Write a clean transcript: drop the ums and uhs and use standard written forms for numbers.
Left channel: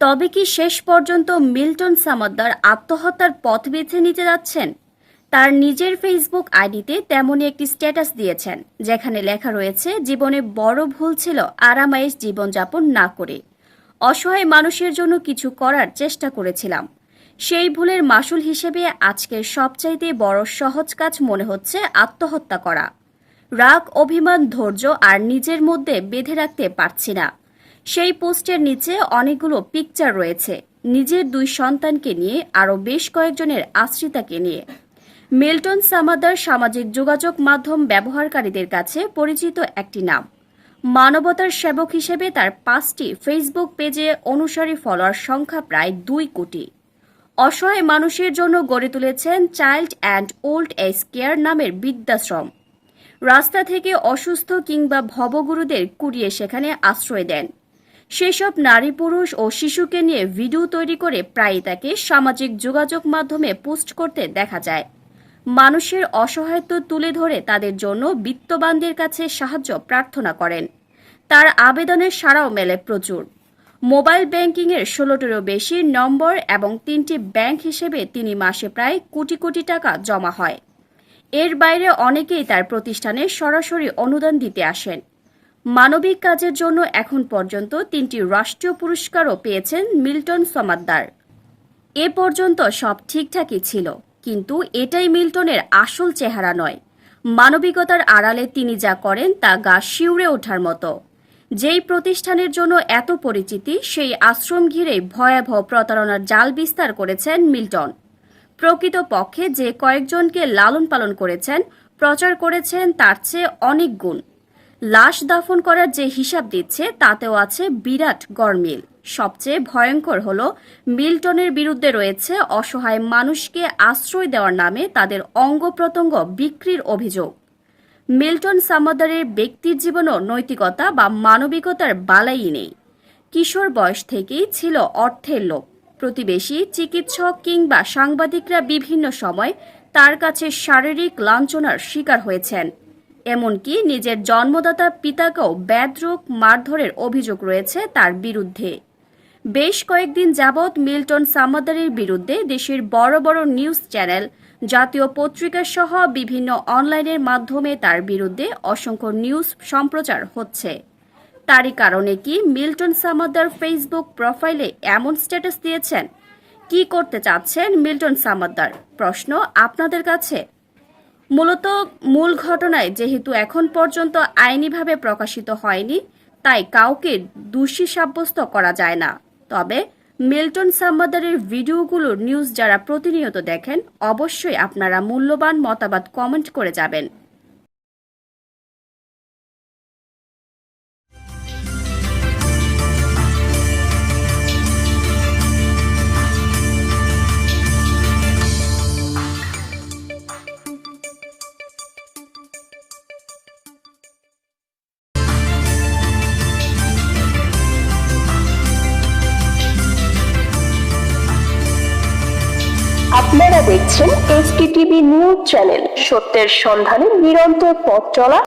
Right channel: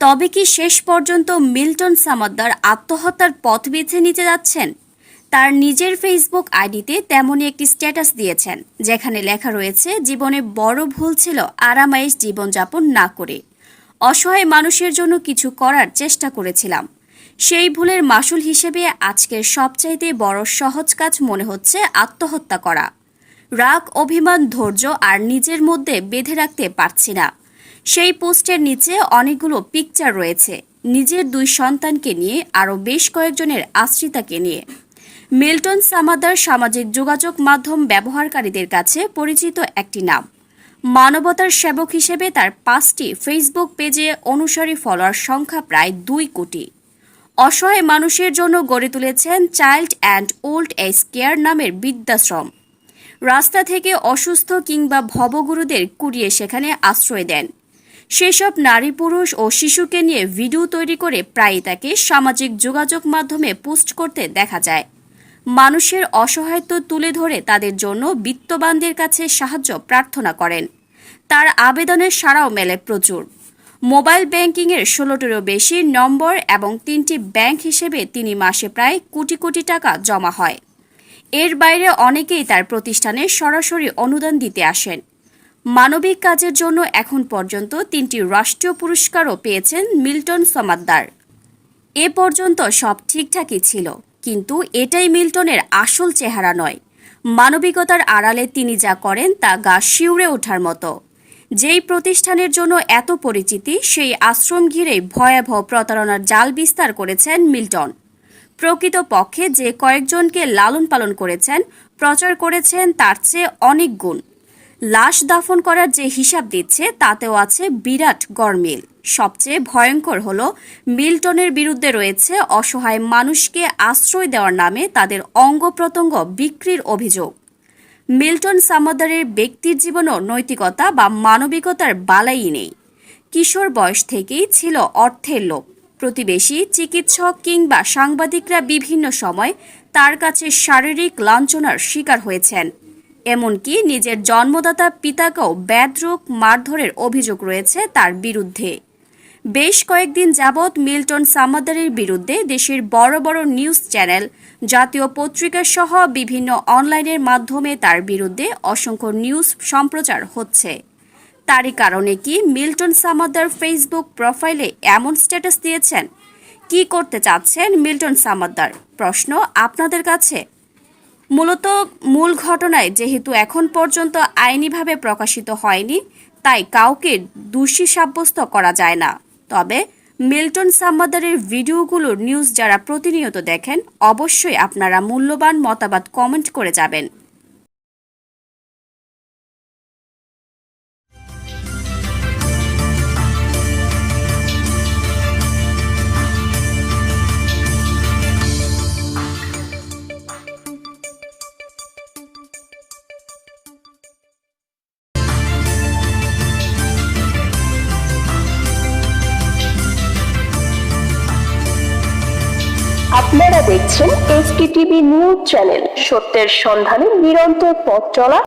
তবে কি শেষ পর্যন্ত মিল্টন সামাদ্দার আত্মহত্যার পথ বেছে নিতে যাচ্ছেন? তার নিজের ফেসবুক আইডিতে তেমনই একটি স্ট্যাটাস দিয়েছেন, যেখানে লেখা রয়েছে, জীবনে বড় ভুল ছিল আরামায়েশ জীবনযাপন না করে অসহায় মানুষের জন্য কিছু করার চেষ্টা করেছিলাম। সেই ভুলের মাসুল হিসেবে আজকের সবচাইতে বড় সহজ কাজ মনে হচ্ছে আত্মহত্যা করা। রাগ, অভিমান, ধৈর্য আর নিজের মধ্যে বেঁধে রাখতে পারছি না। সেই পোস্টের নিচে অনেকগুলো পিকচার রয়েছে, নিজের 2 সন্তানকে নিয়ে, আরও বেশ কয়েকজনের আশ্রিতাকে নিয়ে। মিল্টন সামাদ্দার সামাজিক যোগাযোগ মাধ্যম ব্যবহারকারীদের কাছে পরিচিত একটি নাম। মানবতার সেবক হিসেবে তার 5টি ফেসবুক পেজে অনুসারী ফলোয়ার সংখ্যা প্রায় 2 কোটি। অসহায় মানুষের জন্য গড়ে তুলেছেন child and old age care নামের বৃদ্ধাশ্রম। রাস্তা থেকে অসুস্থ কিংবা ভবগুরুদের কুড়িয়ে সেখানে আশ্রয় দেন। সেসব নারী, পুরুষ ও শিশুকে নিয়ে ভিডিও তৈরি করে প্রায়ই তাকে সামাজিক যোগাযোগ মাধ্যমে পোস্ট করতে দেখা যায়। মানুষের অসহায়ত্ব তুলে ধরে তাদের জন্য বিত্তবানদের কাছে সাহায্য প্রার্থনা করেন। তার আবেদনের সাড়াও মেলে প্রচুর। মোবাইল ব্যাংকিংয়ের 16টিরও বেশি নম্বর এবং 3টি ব্যাংক হিসেবে তিনি মাসে প্রায় কোটি কোটি টাকা জমা হয়। এর বাইরে অনেকেই তার প্রতিষ্ঠানে সরাসরি অনুদান দিতে আসেন। মানবিক কাজের জন্য এখন পর্যন্ত 3টি রাষ্ট্রীয় পুরস্কারও পেয়েছেন মিল্টন সামাদ্দার। এ পর্যন্ত সব ঠিকঠাকই ছিল, কিন্তু এটাই মিল্টনের আসল চেহারা নয়। মানবিকতার আড়ালে তিনি যা করেন তা গা শিউরে ওঠার মতো। যেই প্রতিষ্ঠানের জন্য এত পরিচিতি, সেই আশ্রম ঘিরেই ভয়াবহ প্রতারণার জাল বিস্তার করেছেন মিল্টন। প্রকৃতপক্ষে যে কয়েকজনকে লালন পালন করেছেন, প্রচার করেছেন, তার চেয়ে অনেক গুণ। লাশ দাফন করার যে হিসাব দিচ্ছে, তাতেও আছে বিরাট গরমিল। সবচেয়ে ভয়ঙ্কর হল, মিল্টনের বিরুদ্ধে রয়েছে অসহায় মানুষকে আশ্রয় দেওয়ার নামে তাদের অঙ্গ প্রত্যঙ্গ বিক্রির অভিযোগ। মিল্টন সামাদ্দারের ব্যক্তির জীবনও নৈতিকতা বা মানবিকতার বালাই নেই। কিশোর বয়স থেকেই ছিল অর্থের লোভ। প্রতিবেশী, চিকিৎসক কিংবা সাংবাদিকরা বিভিন্ন সময় তার কাছে শারীরিক লাঞ্ছনার শিকার হয়েছেন। এমনকি নিজের জন্মদাতা পিতাকেও বেধড়ক মারধরের অভিযোগ রয়েছে তার বিরুদ্ধে। বেশ কয়েকদিন যাবৎ মিল্টন সামাদ্দারের বিরুদ্ধে দেশের বড় বড় নিউজ চ্যানেল, জাতীয় পত্রিকা সহ বিভিন্ন অনলাইনের মাধ্যমে তার বিরুদ্ধে অসংখ্য নিউজ সম্প্রচার হচ্ছে। তারই কারণে কি মিল্টন সামাদ্দার ফেসবুক প্রোফাইলে এমন স্ট্যাটাস দিয়েছেন? কি করতে চাচ্ছেন মিল্টন সামাদ্দার? প্রশ্ন আপনাদের কাছে। মূলত মূল ঘটনায় যেহেতু এখন পর্যন্ত আইনিভাবে প্রকাশিত হয়নি, তাই কাউকে দোষী সাব্যস্ত করা যায় না। তবে মিল্টন সামাদ্দারের ভিডিওগুলোর নিউজ যারা প্রতিনিয়ত দেখেন, অবশ্যই আপনারা মূল্যবান মতামত কমেন্ট করে যাবেন। আপনারা দেখছেন এসকেটিভি নিউজ চ্যানেল, সত্যের সন্ধানে নিরন্তর পথ চলা